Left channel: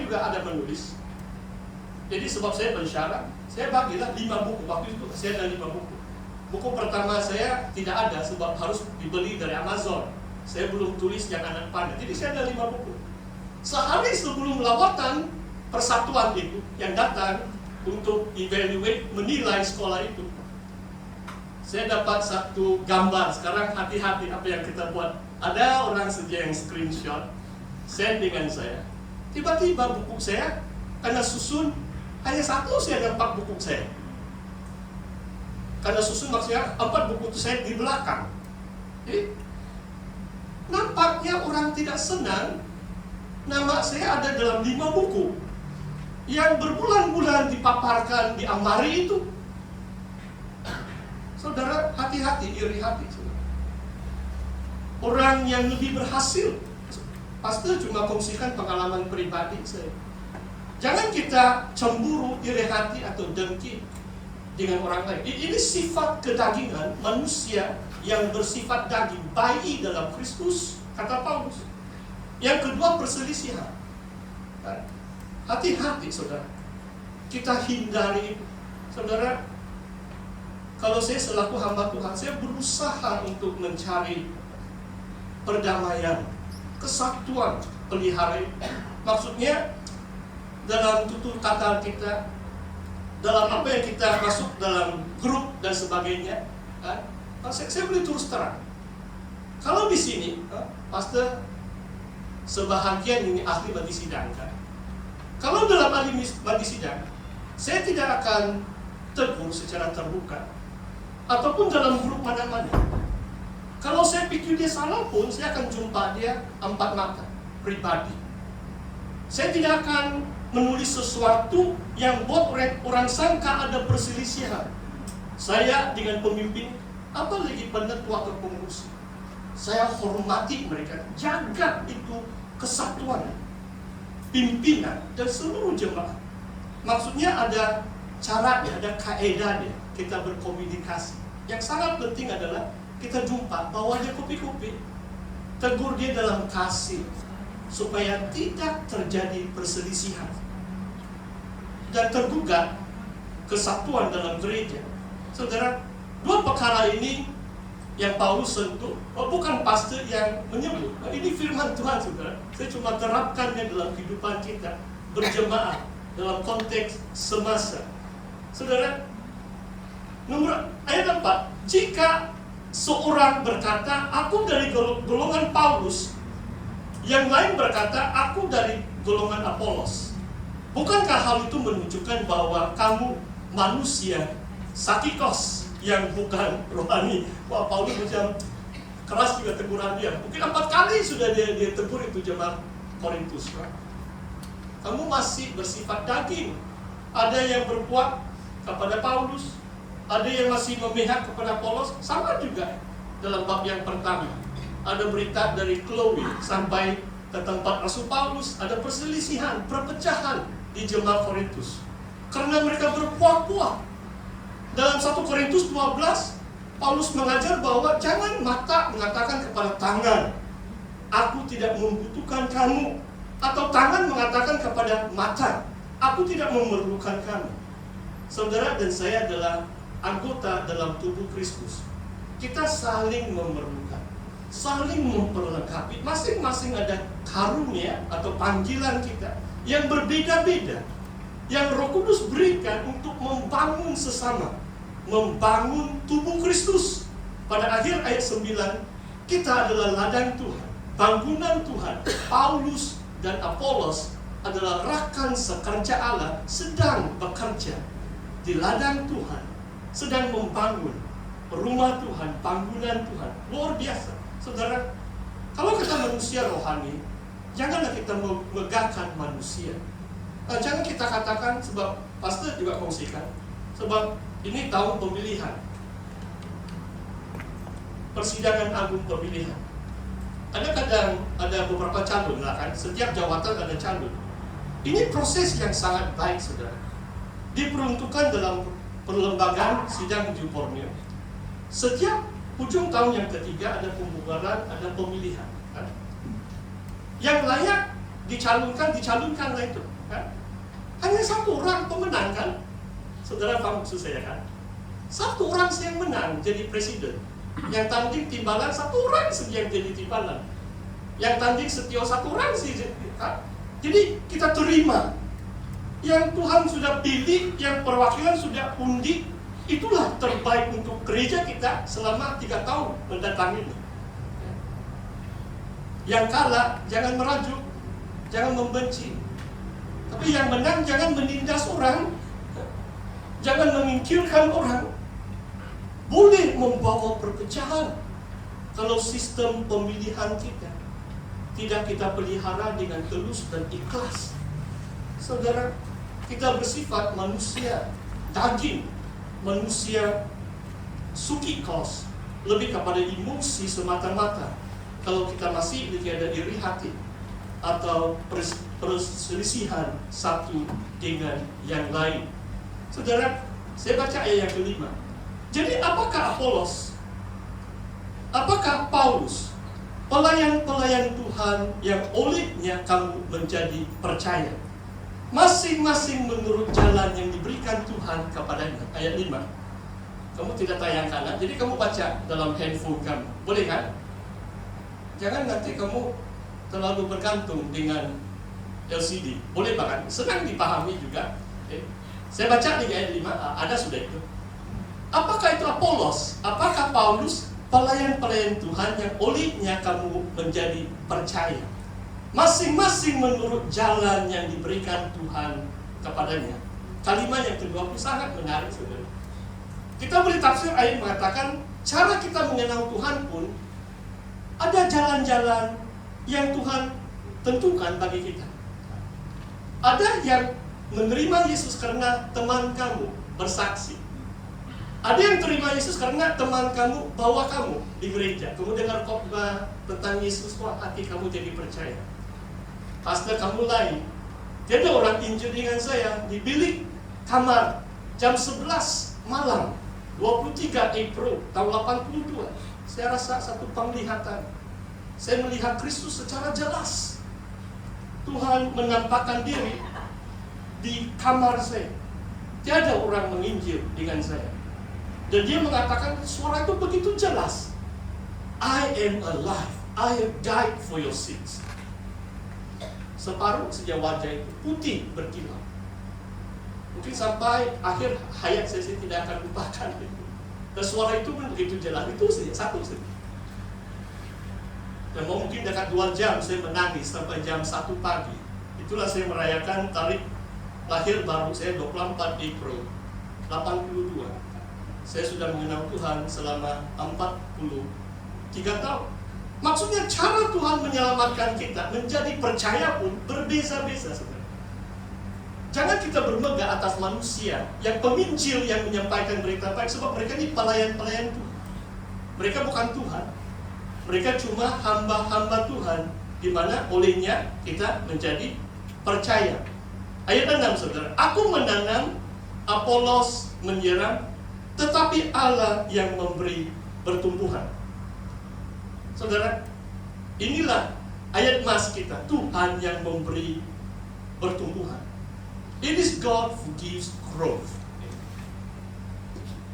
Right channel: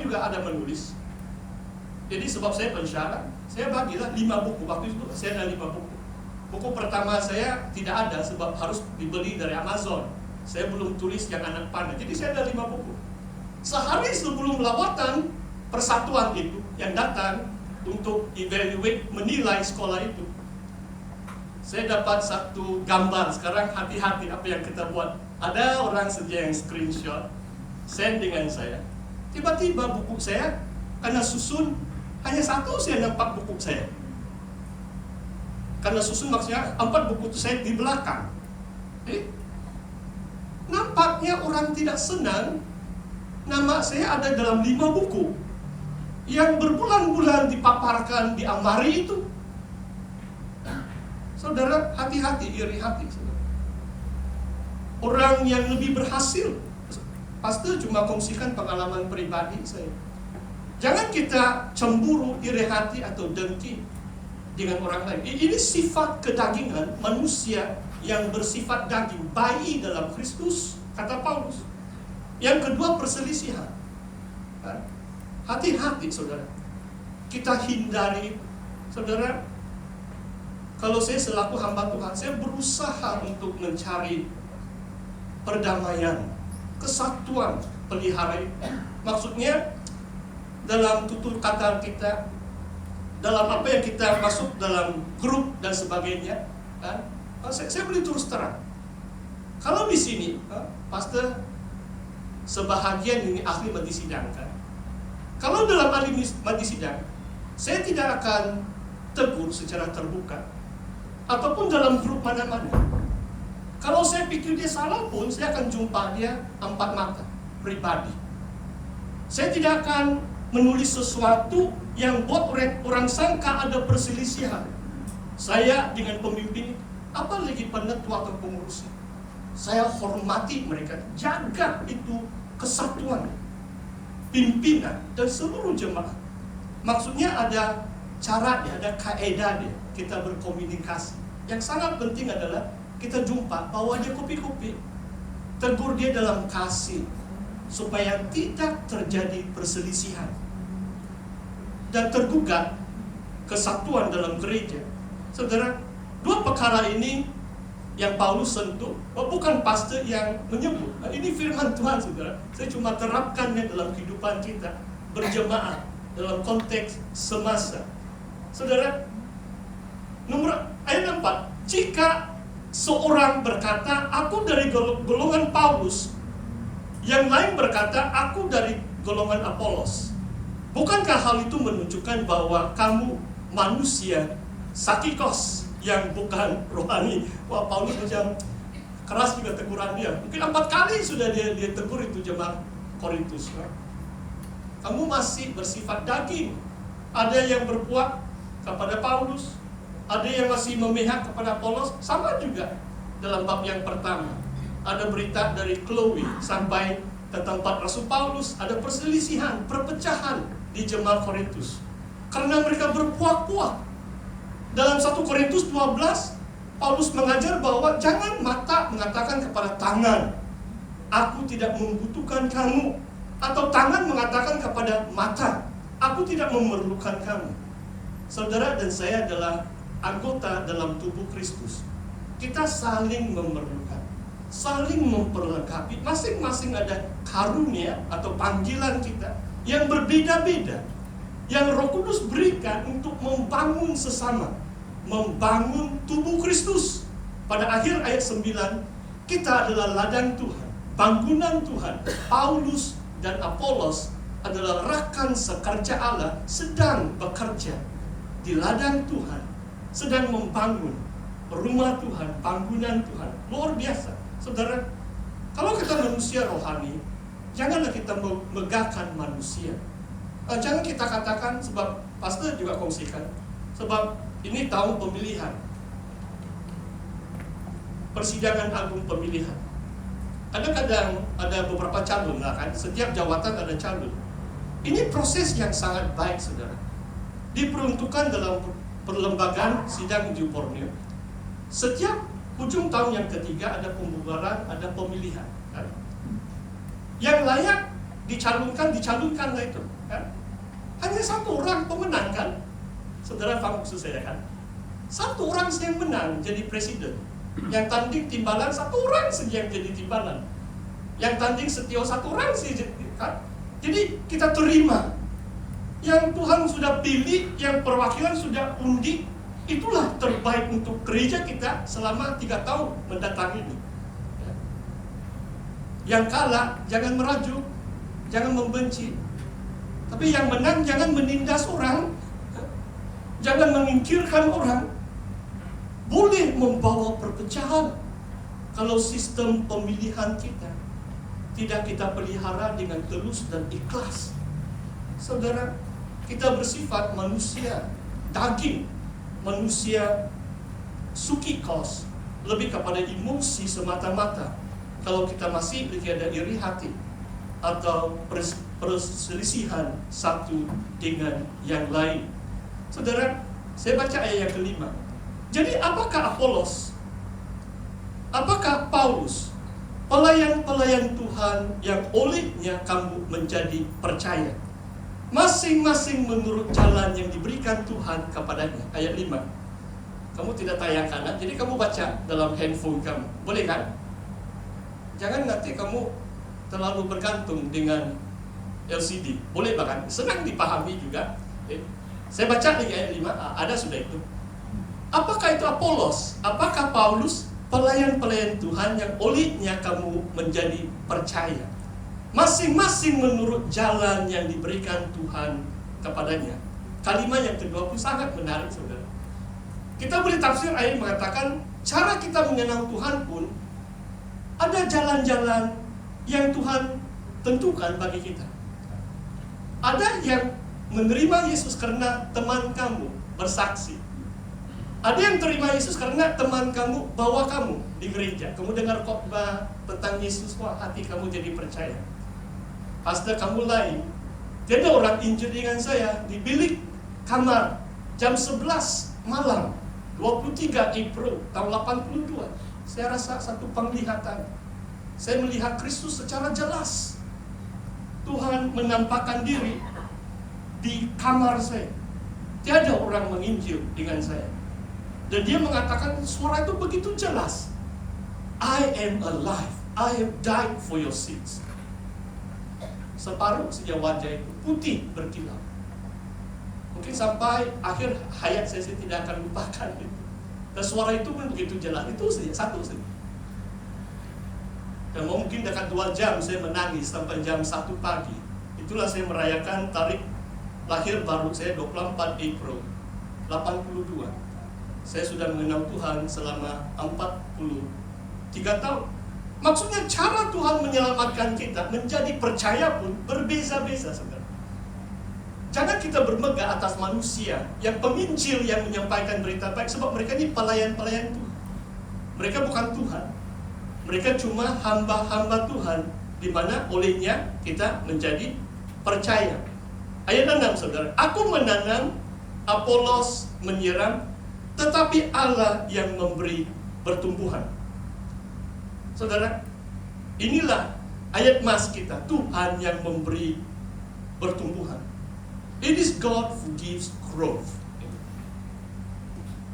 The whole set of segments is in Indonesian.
saya juga ada menulis. Jadi sebab saya bersyarat, saya bagilah 5 buku. Waktu itu saya ada 5 buku. Buku pertama saya tidak ada sebab harus dibeli dari Amazon. Saya belum tulis yang anak panah. Jadi saya ada 5 buku. Sehari sebelum lawatan persatuan itu yang datang untuk evaluate, menilai sekolah itu, saya dapat satu gambar. Sekarang hati-hati apa yang kita buat. Ada orang saja yang screenshot, send dengan saya. Tiba-tiba buku saya karena susun, hanya satu saya dapat buku saya. Karena susun maksudnya 4 buku itu saya di belakang. Jadi nampaknya orang tidak senang nama saya ada dalam 5 buku yang berbulan-bulan dipaparkan di almari itu. Saudara, hati-hati, iri hati, saudara. Orang yang lebih berhasil, pastor cuma kongsikan pengalaman pribadi saya. Jangan kita cemburu, iri hati atau dengki dengan orang lain. Ini sifat kedagingan manusia yang bersifat daging, bayi dalam Kristus, kata Paulus. Yang kedua, perselisihan. Hati-hati, saudara. Kita hindari, saudara. Kalau saya selaku hamba Tuhan, saya berusaha untuk mencari perdamaian, kesatuan, pelihara. Maksudnya dalam tutur kata kita, dalam apa yang kita masuk dalam grup dan sebagainya, saya boleh terus terang. Kalau di sini, pastor sebahagian ini ahli bagi sidang, kan? Kalau dalam ahli bagi sidang, saya tidak akan tegur secara terbuka, ataupun dalam grup mana-mana. Kalau saya pikir dia salah pun, saya akan jumpa dia 4 mata, pribadi. Saya tidak akan menulis sesuatu yang buat orang sangka ada perselisihan. Saya dengan pemimpin, apalagi penetua atau pengurus, saya hormati mereka, jaga itu kesatuan pimpinan dan seluruh jemaat. Maksudnya ada caranya, ada kaedahnya kita berkomunikasi. Yang sangat penting adalah kita jumpa, bawa aja kopi-kopi, tegur dia dalam kasih, supaya tidak terjadi perselisihan dan tergugat kesatuan dalam gereja. Saudara, 2 perkara ini yang Paulus sentuh, bukan pastor yang menyebut. Ini firman Tuhan, saudara. Saya cuma terapkannya dalam kehidupan kita berjemaat dalam konteks semasa. Saudara, ayat 4, jika seorang berkata, aku dari golongan Paulus, yang lain berkata, aku dari golongan Apolos, bukankah hal itu menunjukkan bahwa kamu manusia sakikos yang bukan rohani? Wah, Paulus macam keras juga teguran dia. Mungkin 4 kali sudah dia tegur itu jemaat Korintus. Kamu masih bersifat daging. Ada yang berbuat kepada Paulus, ada yang masih memihak kepada Apolos. Sama juga dalam bab yang pertama, ada berita dari Chloe sampai ke tempat Rasul Paulus, ada perselisihan, perpecahan di jemaat Korintus karena mereka berkuah-kuah. Dalam 1 Korintus 12, Paulus mengajar bahwa jangan mata mengatakan kepada tangan, aku tidak membutuhkan kamu, atau tangan mengatakan kepada mata, aku tidak memerlukan kamu. Saudara dan saya adalah anggota dalam tubuh Kristus. Kita saling memerlukan, saling memperlengkapi. Masing-masing ada karunia atau panggilan kita yang berbeda-beda, yang Roh Kudus berikan untuk membangun sesama, membangun tubuh Kristus. Pada akhir ayat 9, kita adalah ladang Tuhan, bangunan Tuhan. Paulus dan Apolos adalah rakan sekerja Allah, sedang bekerja di ladang Tuhan, sedang membangun rumah Tuhan, bangunan Tuhan. Luar biasa. Saudara, kalau kita manusia rohani, janganlah kita megahkan manusia. Jangan kita katakan, sebab pastor juga kongsikan, sebab ini tahun pemilihan, persidangan agung pemilihan. Kadang-kadang ada beberapa calon lah kan, setiap jawatan ada calon. Ini proses yang sangat baik, saudara. Diperuntukkan dalam perlembagaan sidang uji formil. Setiap ujung tahun yang ketiga ada pembubaran, ada pemilihan. Kan? Yang layak dicalonkanlah itu kan. Hanya satu orang pemenang kan. Saudara paham maksud saya kan? Satu orang yang menang jadi presiden. Yang tanding timbalan satu orang saja yang jadi timbalan. Yang tanding setio satu orang saja kan? Jadi kita terima yang Tuhan sudah pilih, yang perwakilan sudah undi, itulah terbaik untuk gereja kita selama 3 tahun mendatang ini. Yang kalah jangan merajuk, jangan membenci. Tapi yang menang jangan menindas orang, jangan menyingkirkan orang. Boleh membawa perpecahan kalau sistem pemilihan kita tidak kita pelihara dengan tulus dan ikhlas. Saudara, kita bersifat manusia daging, manusia suki kos, lebih kepada emosi semata-mata. Kalau kita masih ada iri hati atau perselisihan satu dengan yang lain. Saudara, saya baca ayat yang kelima. Jadi apakah Apolos? Apakah Paulus? Pelayan-pelayan Tuhan yang olehnya kamu menjadi percaya. Masing-masing menurut jalan yang diberikan Tuhan kepadanya. Ayat 5. Kamu tidak tayang kanan, jadi kamu baca dalam handphone kamu. Boleh kan? Jangan nanti kamu terlalu bergantung dengan LCD. Boleh bahkan, senang dipahami juga. Saya baca di ayat 5, ada sudah itu. Apakah itu Apolos? Apakah Paulus? Pelayan-pelayan Tuhan yang olehnya kamu menjadi percaya. Masing-masing menurut jalan yang diberikan Tuhan kepadanya. Kalimat yang kedua pun sangat menarik, saudara. Kita boleh tafsir ayat mengatakan, cara kita mengenal Tuhan pun ada jalan-jalan yang Tuhan tentukan bagi kita. Ada yang menerima Yesus karena teman kamu bersaksi. Ada yang terima Yesus karena teman kamu bawa kamu di gereja. Kamu dengar khotbah tentang Yesus, wah hati kamu jadi percaya. Pastor kamu lain. Jadi orang injil dengan saya di bilik kamar jam 11 malam 23 April tahun 82. Saya rasa satu penglihatan. Saya melihat Kristus secara jelas. Tuhan menampakkan diri di kamar saya. Tiada orang menginjil dengan saya. Dan dia mengatakan suara itu begitu jelas. I am alive. I have died for your sins. Separuh saja wajah itu putih berkilau. Mungkin sampai akhir hayat saya tidak akan lupakan itu. Dan suara itu pun begitu jelas. Itu saja, satu saja. Dan mungkin dekat 2 jam saya menangis sampai jam 1 pagi. Itulah saya merayakan tarikh lahir baru saya 24 April 82. Saya sudah mengenal Tuhan selama 43 tahun. Maksudnya cara Tuhan menyelamatkan kita menjadi percaya pun berbeza-beza sebenarnya. Jangan kita bermegah atas manusia yang penginjil yang menyampaikan berita baik, sebab mereka ini pelayan-pelayan Tuhan. Mereka bukan Tuhan. Mereka cuma hamba-hamba Tuhan, di mana olehnya kita menjadi percaya. Ayat 6, saudara. Aku menanam, Apolos menyiram, tetapi Allah yang memberi pertumbuhan. Saudara, inilah ayat mas kita. Tuhan yang memberi pertumbuhan. It is God who gives growth.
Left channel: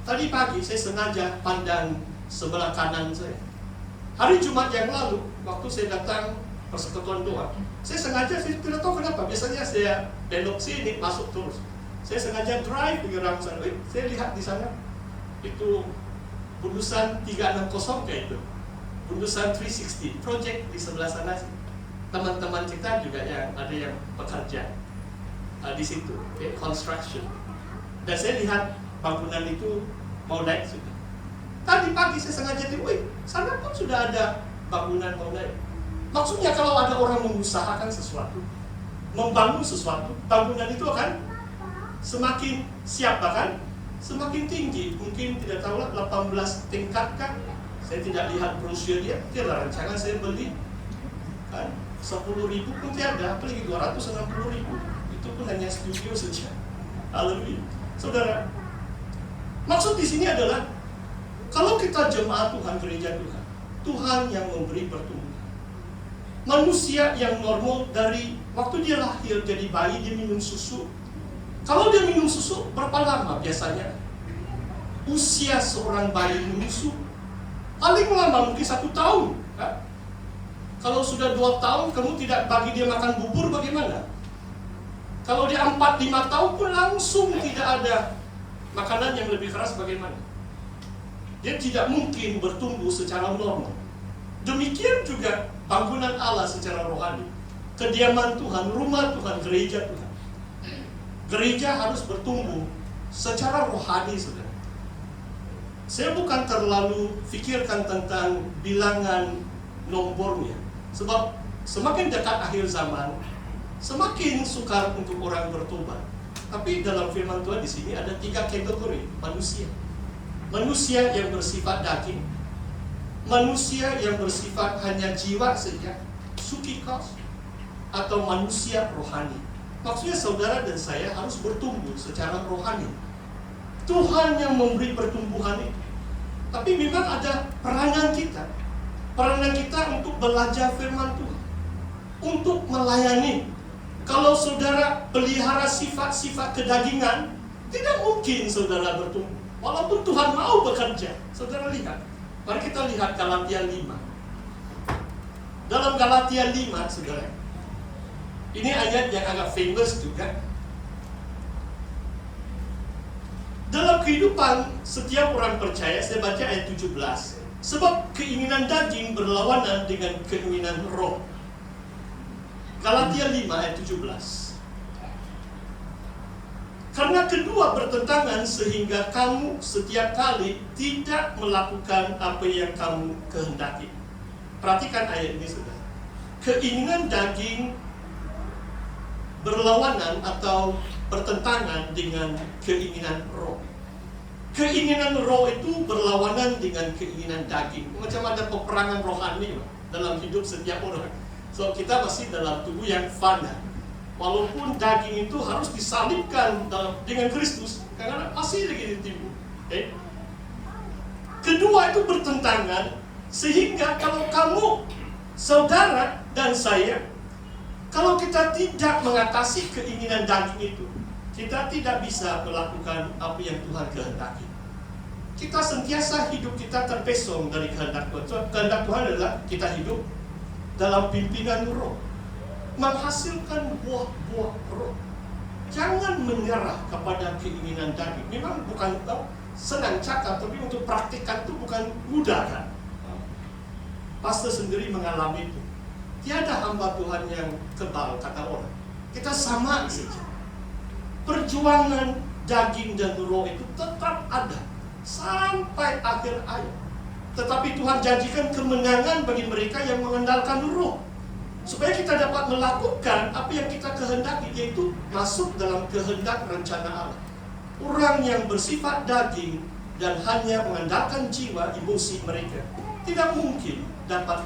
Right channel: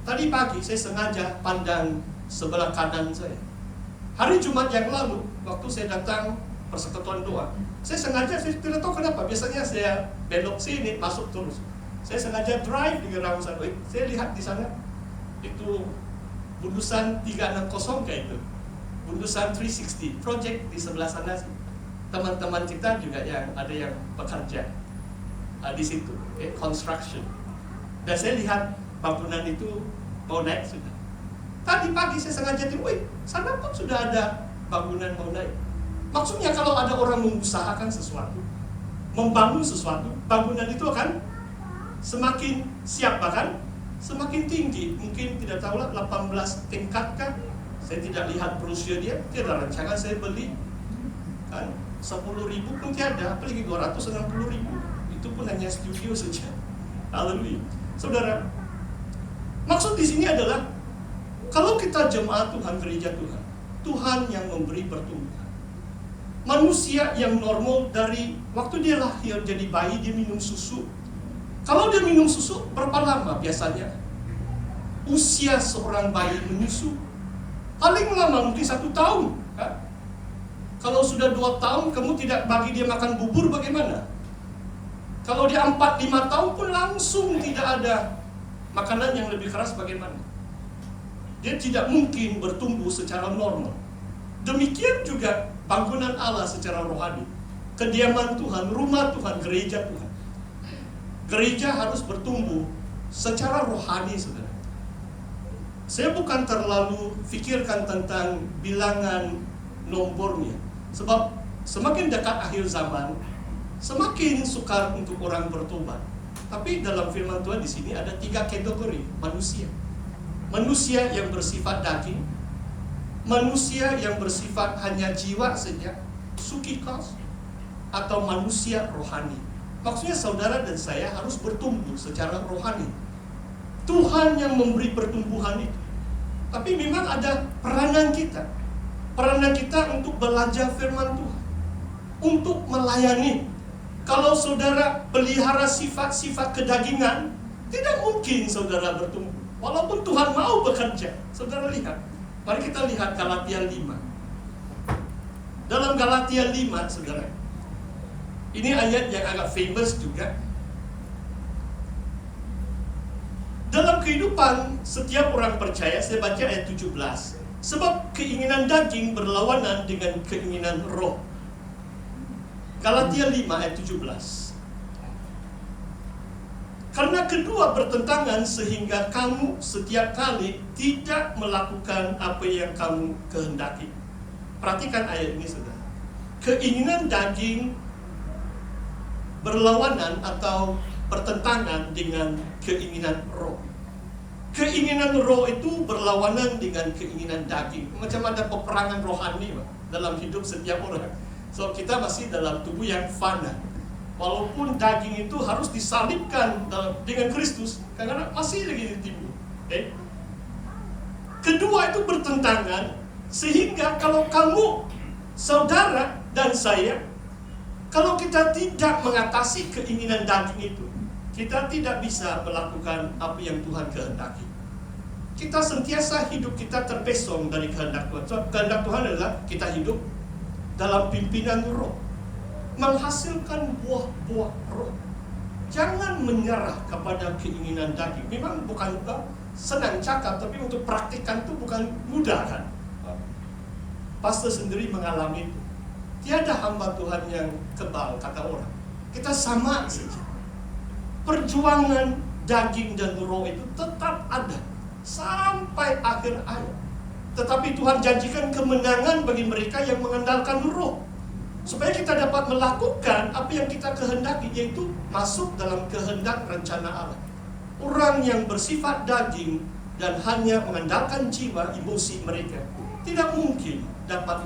Tadi pagi saya sengaja pandang sebelah kanan saya. Hari Jumat yang lalu, waktu saya datang persekutuan doa, saya sengaja, saya tidak tahu kenapa. Biasanya saya belok sini, masuk terus. Saya sengaja drive di around sana. Saya lihat di sana, itu Budusan 360 kayak itu. Budusan 360 project di sebelah sana. Teman-teman kita juga yang ada yang bekerja di situ, construction. Dan saya lihat bangunan itu mau naik sudah. Tadi pagi saya sengaja wih, sana pun sudah ada bangunan mau naik. Maksudnya kalau ada orang mengusahakan sesuatu, membangun sesuatu, bangunan itu akan semakin siap, bahkan semakin tinggi. Mungkin tidak tahu lah 18 tingkat kan. Saya tidak lihat brosur dia, tidak rancangan saya beli kan 10.000 pun tiada, apalagi 260.000. Itu pun hanya studio saja. Haleluya. Saudara, maksud di sini adalah kalau kita jemaat Tuhan, gereja Tuhan, Tuhan yang memberi pertumbuhan. Manusia yang normal dari waktu dia lahir jadi bayi, dia minum susu. Kalau dia minum susu, berapa lama biasanya usia seorang bayi menyusu? Paling lama mungkin 1 tahun kan? Kalau sudah 2 tahun kamu tidak bagi dia makan bubur, bagaimana? Kalau dia 4-5 tahun pun langsung tidak ada makanan yang lebih keras, bagaimana? Dia tidak mungkin bertumbuh secara normal. Demikian juga bangunan Allah secara rohani, kediaman Tuhan, rumah Tuhan, gereja Tuhan. Gereja harus bertumbuh secara rohani, saudara. Saya bukan terlalu pikirkan tentang bilangan nomornya, sebab semakin dekat akhir zaman, semakin sukar untuk orang bertobat. Tapi dalam firman Tuhan di sini ada 3 kategori manusia. Manusia yang bersifat daging, manusia yang bersifat hanya jiwa saja, psikikos, atau manusia rohani. Maksudnya saudara dan saya harus bertumbuh secara rohani. Tuhan yang memberi pertumbuhan itu. Tapi memang ada peranan kita. Peranan kita untuk belajar firman Tuhan, untuk melayani. Kalau saudara pelihara sifat-sifat kedagingan, tidak mungkin saudara bertumbuh. Walaupun Tuhan mau bekerja. Saudara lihat, mari kita lihat Galatia 5. Dalam Galatia 5, saudara, ini ayat yang agak famous juga. Dalam kehidupan setiap orang percaya, saya baca ayat 17. Sebab keinginan daging berlawanan dengan keinginan roh. Galatia 5 ayat 17. Karena kedua bertentangan sehingga kamu setiap kali tidak melakukan apa yang kamu kehendaki. Perhatikan ayat ini, saudara. Keinginan daging berlawanan atau bertentangan dengan keinginan roh. Keinginan roh itu berlawanan dengan keinginan daging. Macam ada peperangan rohani dalam hidup setiap orang. So kita masih dalam tubuh yang fana. Walaupun daging itu harus disalibkan dengan Kristus, karena masih lagi ditipu. Okay? Kedua itu bertentangan, sehingga kalau kamu, saudara dan saya, kalau kita tidak mengatasi keinginan daging itu, kita tidak bisa melakukan apa yang Tuhan kehendaki. Kita sentiasa hidup kita terpesong dari kehendak Tuhan. So, kehendak Tuhan adalah kita hidup dalam pimpinan roh, menghasilkan buah-buah roh. Jangan menyerah kepada keinginan daging. Memang bukan senang cakap, tapi untuk praktikkan itu bukan mudah kan. Pastor sendiri mengalami itu. Tiada hamba Tuhan yang kebal, kata orang. Kita sama saja. Perjuangan daging dan roh itu tetap ada sampai akhir hayat. Tetapi Tuhan janjikan kemenangan bagi mereka yang mengandalkan roh, supaya kita dapat melakukan apa yang kita kehendaki, yaitu masuk dalam kehendak rencana Allah. Orang yang bersifat daging dan hanya mengandalkan jiwa, emosi mereka, tidak mungkin dapat